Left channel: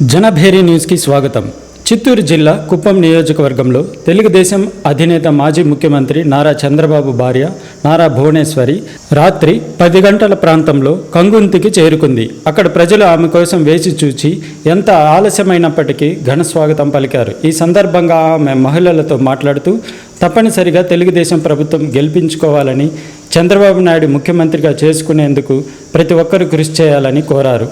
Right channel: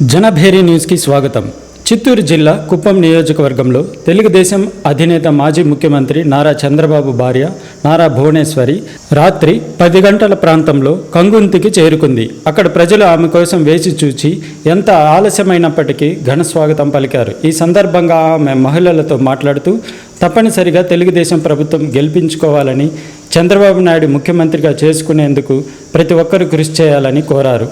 జనభేరి న్యూస్కి స్వాగతం. చిత్తూరు జిల్లా కుప్పం నియోజకవర్గంలో తెలుగుదేశం అధినేత మాజీ ముఖ్యమంత్రి నారా చంద్రబాబు భార్య నారా భువనేశ్వరి రాత్రి పది గంటల ప్రాంతంలో కంగుంతికి చేరుకుంది. అక్కడ ప్రజలు ఆమె కోసం వేచి చూచి ఎంత ఆలస్యమైనప్పటికీ ఘన స్వాగతం పలికారు. ఈ సందర్భంగా ఆమె మహిళలతో మాట్లాడుతూ తప్పనిసరిగా తెలుగుదేశం ప్రభుత్వం గెలిపించుకోవాలని చంద్రబాబు నాయుడు ముఖ్యమంత్రిగా చేసుకునేందుకు ప్రతి ఒక్కరూ కృషి చేయాలని కోరారు.